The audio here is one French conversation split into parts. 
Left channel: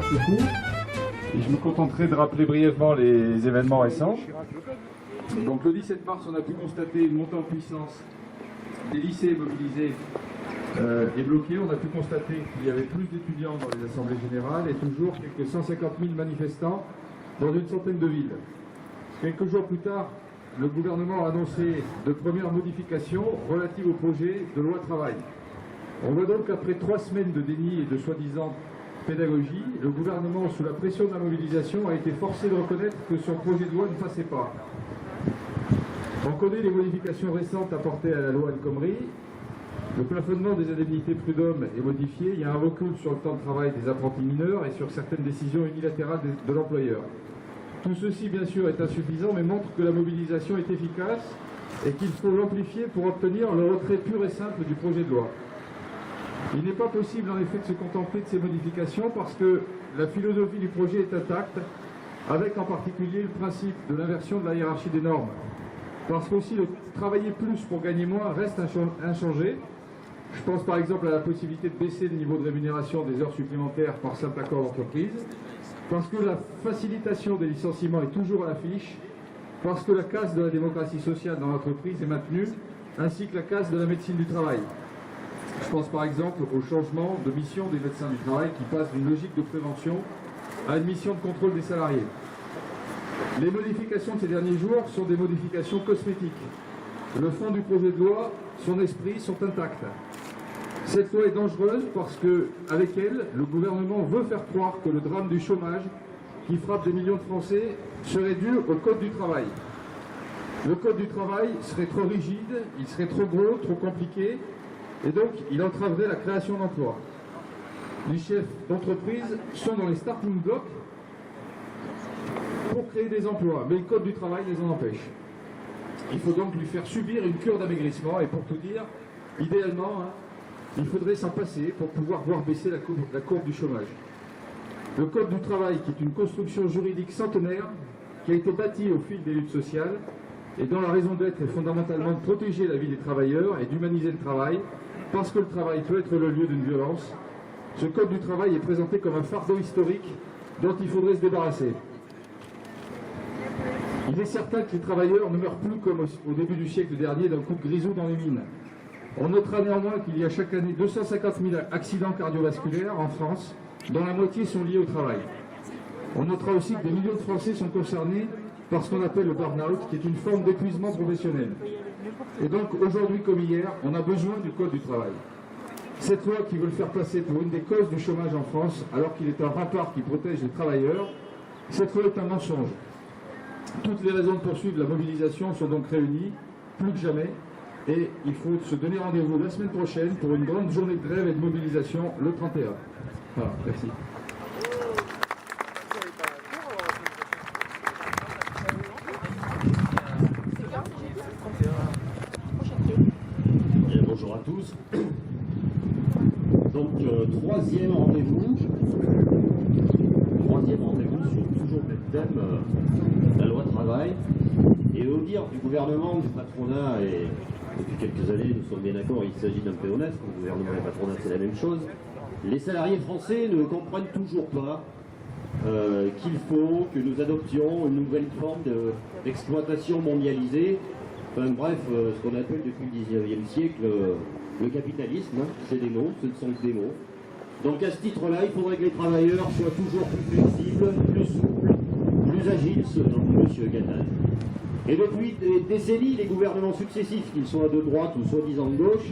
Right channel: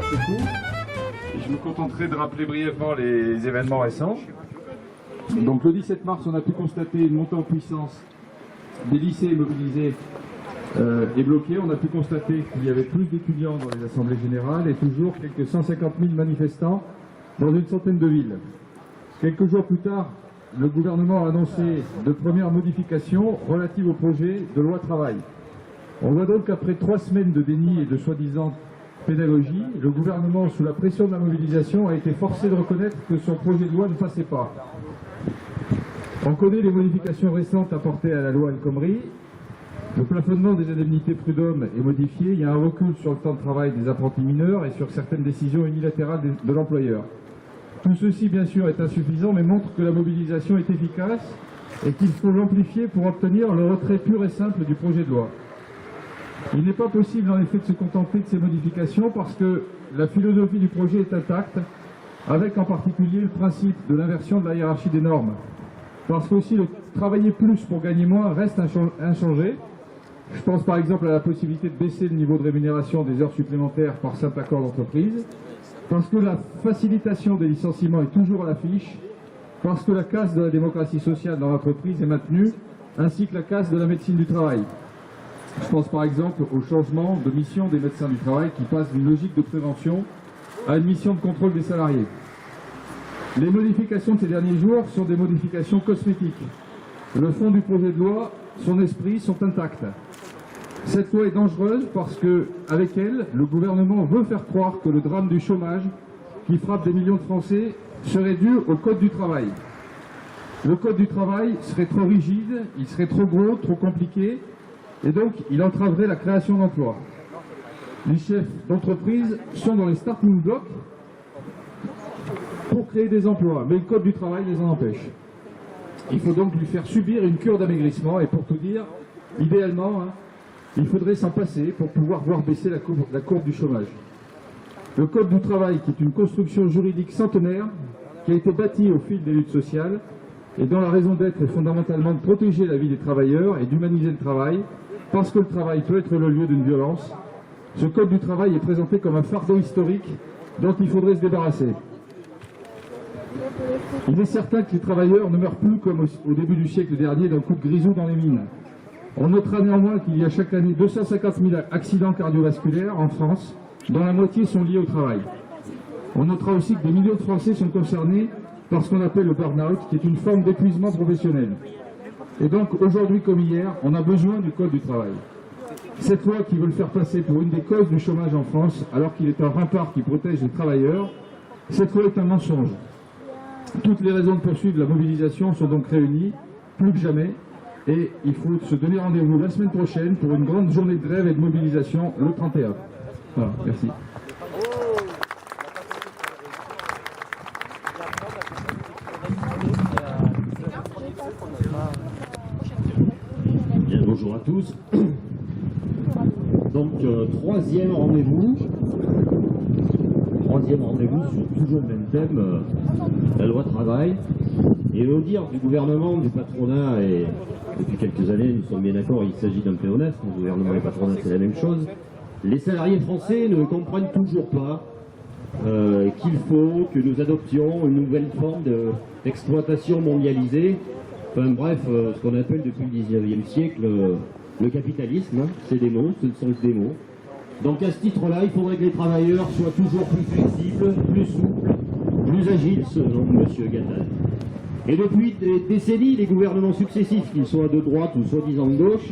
l'heure se court. Je me contenterai de rappeler brièvement les événements récents. Donc le 17 mars, on a pu constater une montée en puissance des lycées mobilisés et bloqués. On a pu constater qu'il y avait plus d'étudiants dans les assemblées générales et toujours quelques 150 000 manifestants dans une centaine de villes. Quelques jours plus tard, le gouvernement a annoncé de premières modifications relatives au projet de loi travail. On voit donc qu'après 3 semaines de déni et de soi-disant pédagogie, le gouvernement, sous la pression de la mobilisation, a été forcé de reconnaître que son projet de loi ne passait pas. On connaît les modifications récentes apportées à la loi El Khomri. Le plafonnement des indemnités prud'hommes est modifié. Il y a un recul sur le temps de travail des apprentis mineurs et sur certaines décisions unilatérales de l'employeur. Tout ceci, bien sûr, est insuffisant, mais montre que la mobilisation est efficace et qu'il faut l'amplifier pour obtenir le retrait pur et simple du projet de loi. Il n'est pas possible, en effet, de se contenter de ces modifications parce que la philosophie du projet est intacte, avec en particulier le principe de l'inversion de la hiérarchie des normes. Parce qu'aussi le travailler plus pour gagner moins reste inchangé. Je pense par exemple à la possibilité de baisser le niveau de rémunération des heures supplémentaires par simple accord d'entreprise. Parce que la facilitation des licenciements est toujours à l'affiche. Parce que la casse de la démocratie sociale dans l'entreprise est maintenue, ainsi que la casse de la médecine du travail. Je pense par exemple au changement de mission des médecins du travail qui passe d'une logique de prévention à une mission de contrôle des salariés. Les modifications de ces derniers jours sont des modifications cosmétiques. Le fond du projet de loi, son esprit sont intacts. Cette loi est dangereuse parce que, avec elle, le gouvernement veut faire croire que le drame du chômage qui frappe des millions de Français serait dû au Code du travail. Le Code du travail serait trop rigide, il serait trop gros, trop compliqué, et donc il entraverait la création d'emplois. Les chefs d'entreprise sont dans les starting blocks pour créer des emplois, mais le Code du travail les en empêche. Il faut donc lui faire subir une cure d'amaigrissement, et pour tout dire, idéalement, il faudrait s'en passer pour pouvoir voir baisser la courbe du chômage. Le Code du travail, qui est une construction juridique centenaire, qui a été bâtie au fil des luttes sociales, et dont la raison d'être est fondamentalement de protéger la vie des travailleurs et d'humaniser le travail, parce que le travail peut être le lieu d'une violence. Ce Code du travail est présenté comme un fardeau historique dont il faudrait se débarrasser. Il est certain que les travailleurs ne meurent plus comme au début du siècle dernier d'un coup de grisou dans les mines. On notera néanmoins qu'il y a chaque année 250 000 accidents cardiovasculaires en France, dont la moitié sont liés au travail. On notera aussi que des millions de Français sont concernés par ce qu'on appelle le burn-out, qui est une forme d'épuisement professionnel. Et donc, aujourd'hui comme hier, on a besoin du Code du travail. Cette loi qui veut le faire passer pour une des causes du chômage en France, alors qu'il est un rempart qui protège les travailleurs, cette loi est un mensonge. Toutes les raisons de poursuivre la mobilisation sont donc réunies, plus que jamais, et il faut se donner rendez-vous la semaine prochaine pour une grande journée de grève et de mobilisation le 31. Voilà, merci. Bien, bonjour à tous. Donc, troisième rendez-vous sur toujours le même thème, la loi travail. Et au dire du gouvernement, du patronat, et depuis quelques années, nous sommes bien d'accord, il s'agit d'un pléonasme, le gouvernement et le patronat, c'est la même chose. Les salariés français ne comprennent toujours pas qu'il faut que nous adoptions une nouvelle forme d'exploitation mondialisée. Enfin bref, ce qu'on appelle depuis le 19e siècle le capitalisme, c'est des mots, ce ne sont que des mots. Donc à ce titre-là, il faudrait que les travailleurs soient toujours plus flexibles, plus souples, plus agiles, selon M. Gattaz. Et depuis des décennies, les gouvernements successifs, qu'ils soient de droite ou soi-disant de gauche,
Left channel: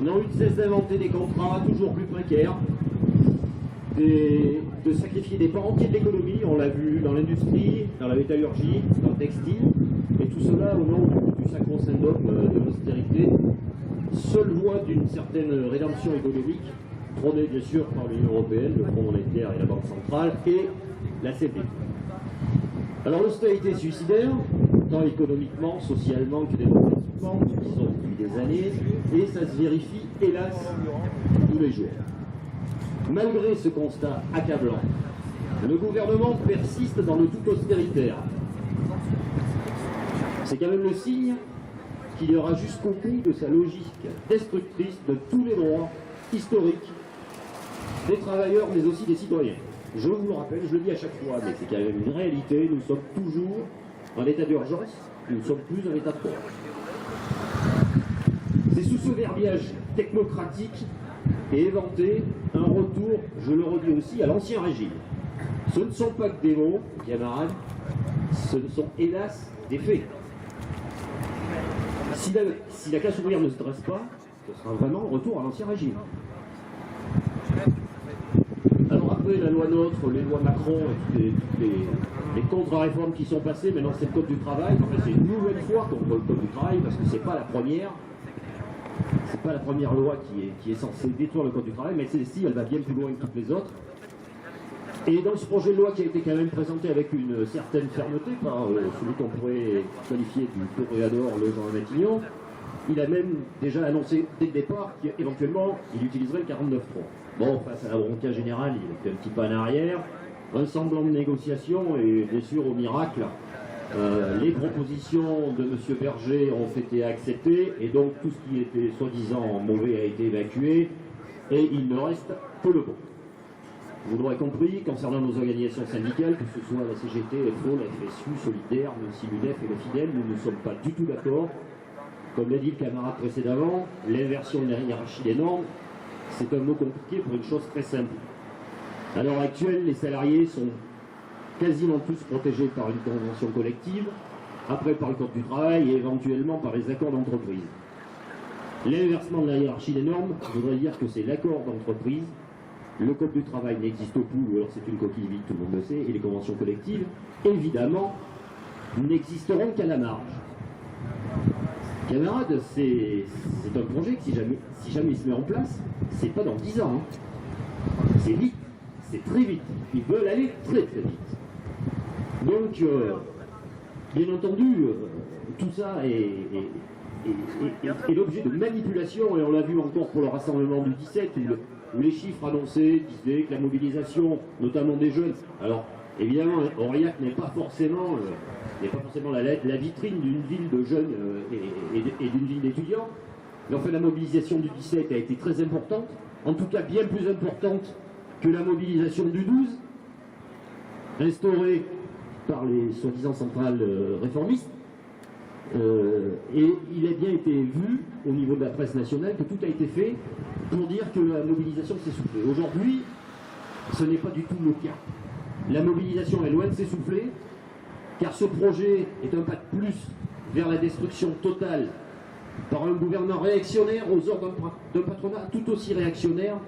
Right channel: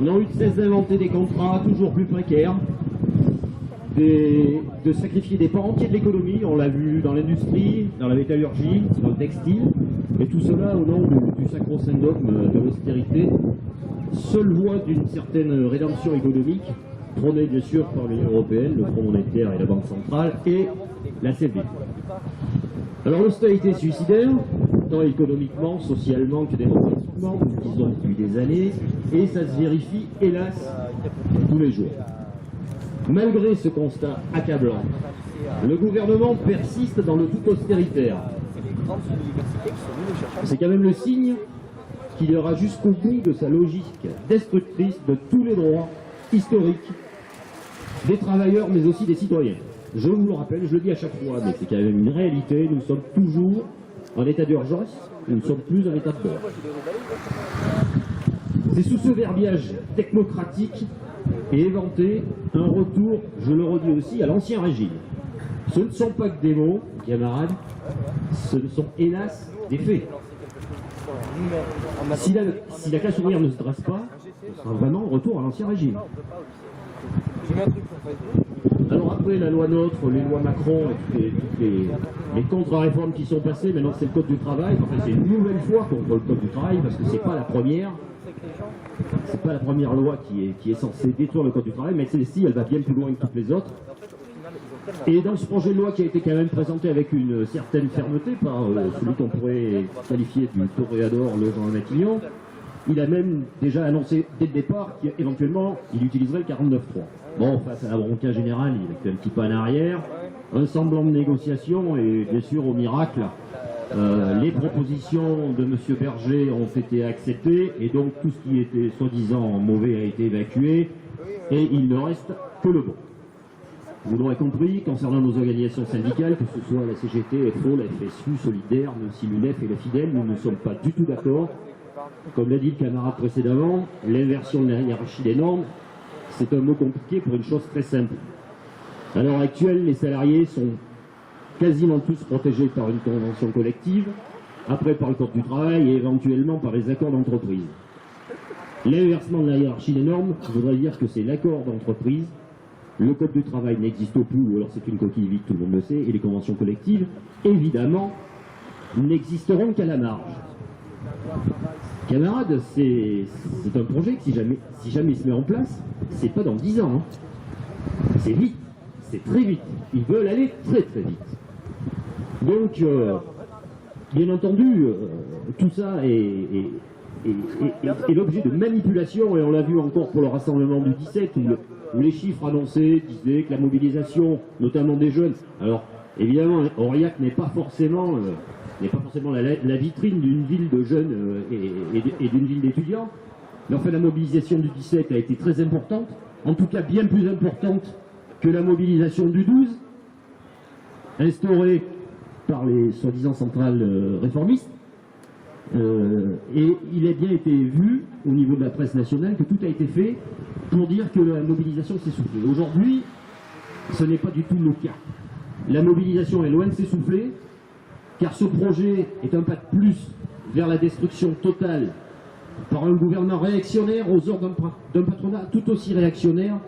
n'ont eu de cesse d'inventer des contrats toujours plus précaires, de sacrifier des pans entiers de l'économie, on l'a vu dans l'industrie, dans la métallurgie, dans le textile, et tout cela au nom du sacro-saint dogme de l'austérité, seule voie d'une certaine rédemption économique, prônée bien sûr par l'Union européenne, le Fonds monétaire et la Banque centrale, et la CFDT. Alors l'austérité suicidaire, tant économiquement, socialement que démocratiquement, nous le disons depuis des années, et ça se vérifie, hélas, tous les jours. Malgré ce constat accablant, le gouvernement persiste dans le tout austéritaire. C'est quand même le signe qu'il ira jusqu'au bout de sa logique destructrice de tous les droits historiques des travailleurs, mais aussi des citoyens. je vous le rappelle, je le dis à chaque fois, mais c'est quand même une réalité, nous sommes toujours en état d'urgence, nous ne sommes plus en état de droit. C'est sous ce verbiage technocratique et éventé un retour, je le redis aussi, à l'ancien régime. Ce ne sont pas que des mots, camarades, ce sont hélas des faits. Si la classe ouvrière ne se dresse pas, ce sera vraiment un retour à l'ancien régime. Alors après la loi NOTRe, les lois Macron et toutes les contre-réformes qui sont passées, maintenant c'est le Code du travail, enfin c'est une nouvelle fois contre le Code du travail parce que c'est pas la première. C'est pas la première loi qui est censée détruire le Code du travail, mais celle-ci, elle va bien plus loin que toutes les autres. Et dans ce projet de loi qui a été quand même présenté avec une certaine fermeté par celui qu'on pourrait qualifier du toréador, le Jean Matignon, il a même déjà annoncé dès le départ qu'éventuellement il utiliserait le 49.3. Bon, face à la volonté générale, il a fait un petit pas en arrière, un semblant de négociation, et bien sûr, au miracle, les propositions de M. Berger ont été acceptées, et donc tout ce qui était soi-disant mauvais a été évacué, et il ne reste que le bon. Vous l'aurez compris, concernant nos organisations syndicales, que ce soit la CGT, FO, la FSU, Solidaire, même si l'UNEF et la Fidèle, nous ne sommes pas du tout d'accord. Comme l'a dit le camarade précédemment, l'inversion de la hiérarchie des normes, c'est un mot compliqué pour une chose très simple. À l'heure actuelle, les salariés sont quasiment tous protégés par une convention collective, après par le Code du travail et éventuellement par les accords d'entreprise. L'inversement de la hiérarchie des normes voudrait dire que c'est l'accord d'entreprise, le Code du travail n'existe plus, ou alors c'est une coquille vide, tout le monde le sait, et les conventions collectives, évidemment, n'existeront qu'à la marge. Camarades, c'est un projet que si jamais il se met en place, c'est pas dans 10 ans. Hein. C'est vite, c'est très vite. Ils veulent aller très très vite. Donc, bien entendu, tout ça est l'objet de manipulation, et on l'a vu encore pour le rassemblement du 17, où les chiffres annoncés disaient que la mobilisation, notamment des jeunes, alors évidemment, Aurillac n'est pas forcément la vitrine d'une ville de jeunes et d'une ville d'étudiants, mais enfin la mobilisation du 17 a été très importante, en tout cas bien plus importante que la mobilisation du 12, instaurée par les soi-disant centrales réformistes. Et il a bien été vu au niveau de la presse nationale que tout a été fait pour dire que la mobilisation s'essoufflait. Aujourd'hui, ce n'est pas du tout le cas. La mobilisation est loin de s'essouffler, car ce projet est un pas de plus vers la destruction totale par un gouvernement réactionnaire aux ordres d'un patronat tout aussi réactionnaire,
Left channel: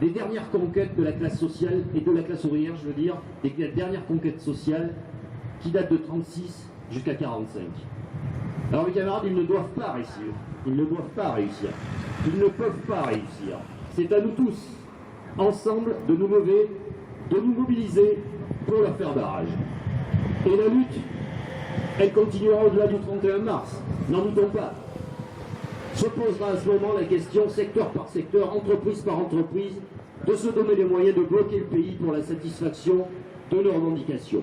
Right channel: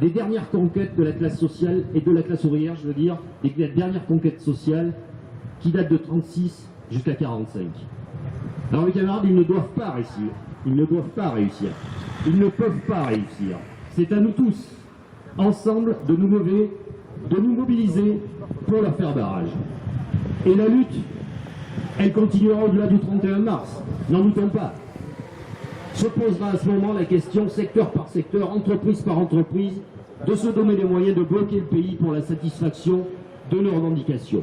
des dernières conquêtes de la classe sociale et de la classe ouvrière, je veux dire, des dernières conquêtes sociales qui datent de 36 jusqu'à 45. Alors les camarades, ils ne doivent pas réussir. Ils ne doivent pas réussir. Ils ne peuvent pas réussir. C'est à nous tous, ensemble, de nous lever, de nous mobiliser pour leur faire barrage. Et la lutte, elle continuera au-delà du 31 mars. N'en doutons pas. Se posera à ce moment la question, secteur par secteur, entreprise par entreprise, de se donner les moyens de bloquer le pays pour la satisfaction de nos revendications.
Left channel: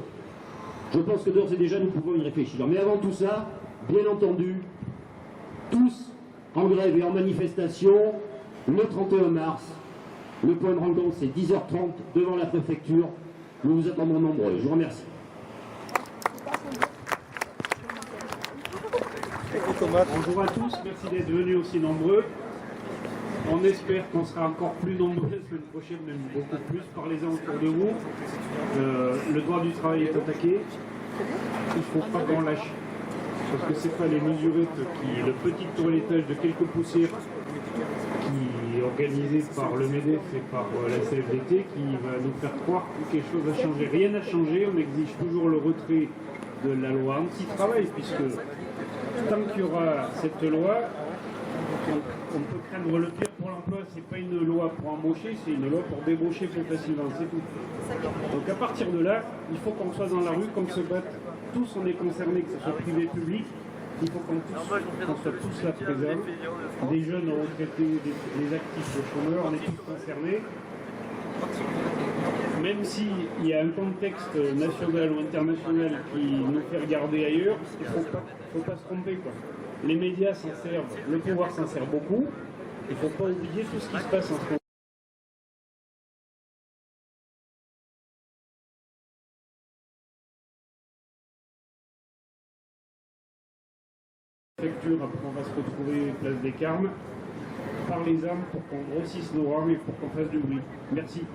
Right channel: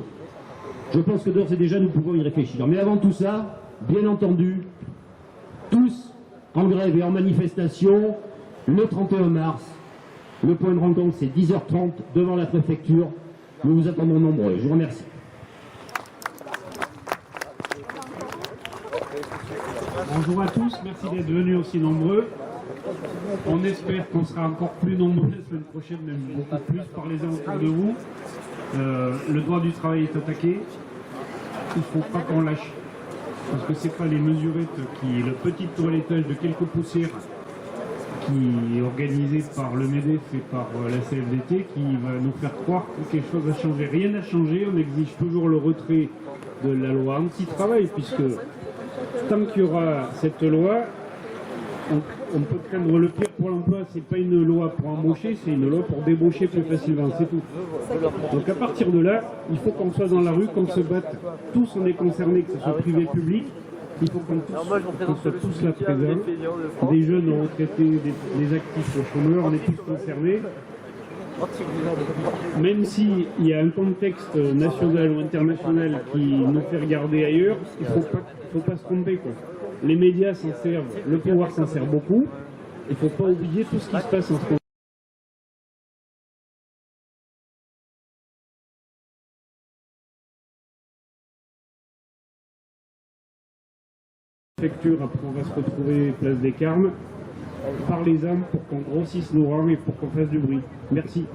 Je pense que d'ores et déjà, nous pouvons y réfléchir. Mais avant tout ça, bien entendu, tous en grève et en manifestation, le 31 mars, le point de rencontre c'est 10h30 devant la préfecture. Nous vous attendons nombreux. Je vous remercie. Bonjour à tous, merci d'être venus aussi nombreux. On espère qu'on sera encore plus nombreux la semaine prochaine, même beaucoup plus. Parlez-en autour de vous. Le droit du travail est attaqué. Il ne faut pas qu'on lâche. Parce que ce n'est pas les mesurites le petit toilettage de quelques poussières qui est organisé par le MEDEF et par la CFDT qui va nous faire croire que quelque chose a changé. Rien n'a changé, on exige toujours le retrait de la loi anti-travail, puisque tant qu'il y aura cette loi, on peut craindre le pire pour l'emploi. C'est pas une loi pour embaucher, c'est une loi pour débaucher plus facilement, c'est tout. Donc à partir de là, il faut qu'on soit dans la rue, qu'on se batte. Tous on est concernés, que ce soit privé, public. Il faut qu'on soit tous là présents. Des jeunes aux retraités, des actifs aux chômeurs, on est tous concernés. Même s'il y a un contexte national ou international qui nous fait regarder ailleurs, il ne faut pas se tromper, quoi. Les médias s'en servent, le pouvoir s'en sert beaucoup. Il ne faut pas oublier tout ce qui se passe en ce moment. préfecture, après on va se retrouver place des Carmes, par les âmes pour qu'on grossisse nos rangs et pour qu'on fasse du bruit. Merci.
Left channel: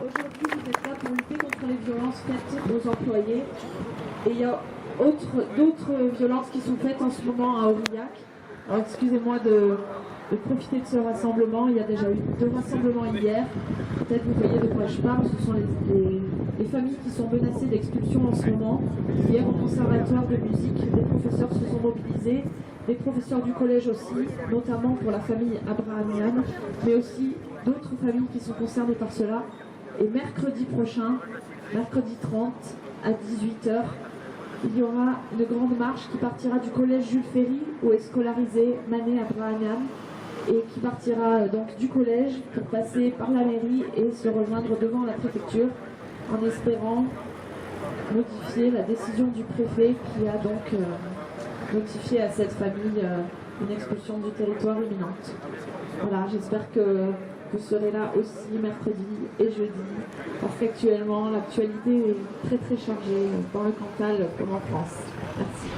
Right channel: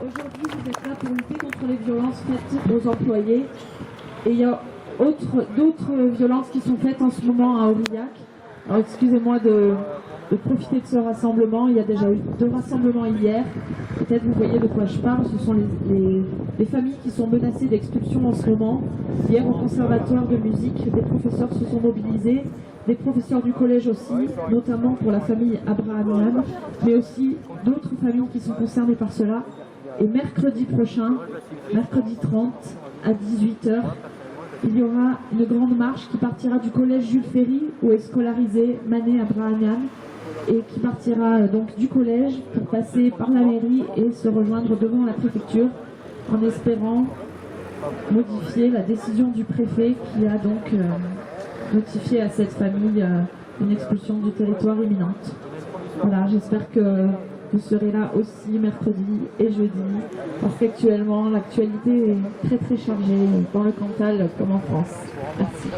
Aujourd'hui, vous êtes là pour lutter contre les violences faites aux employés. Et il y a d'autres violences qui sont faites en ce moment à Aurillac. Alors excusez-moi de profiter de ce rassemblement. Il y a déjà eu 2 rassemblements hier. Peut-être vous voyez de quoi je parle. Ce sont les familles qui sont menacées d'expulsion en ce moment. Hier, au conservatoire de musique, des professeurs se sont mobilisés. Des professeurs du collège aussi, notamment pour la famille Abrahamian, mais aussi d'autres familles qui sont concernées par cela. Et mercredi prochain, mercredi 30, à 18h, il y aura une grande marche qui partira du collège Jules Ferry, où est scolarisé Mané Abrahamian, et qui partira donc du collège pour passer par la mairie et se rejoindre devant la préfecture, en espérant modifier la décision du préfet qui a donc notifié à cette famille une expulsion du territoire imminente. Voilà, j'espère que vous serez là aussi mercredi et jeudi, parce qu'actuellement l'actualité est très chargée dans le Cantal comme en France. Merci.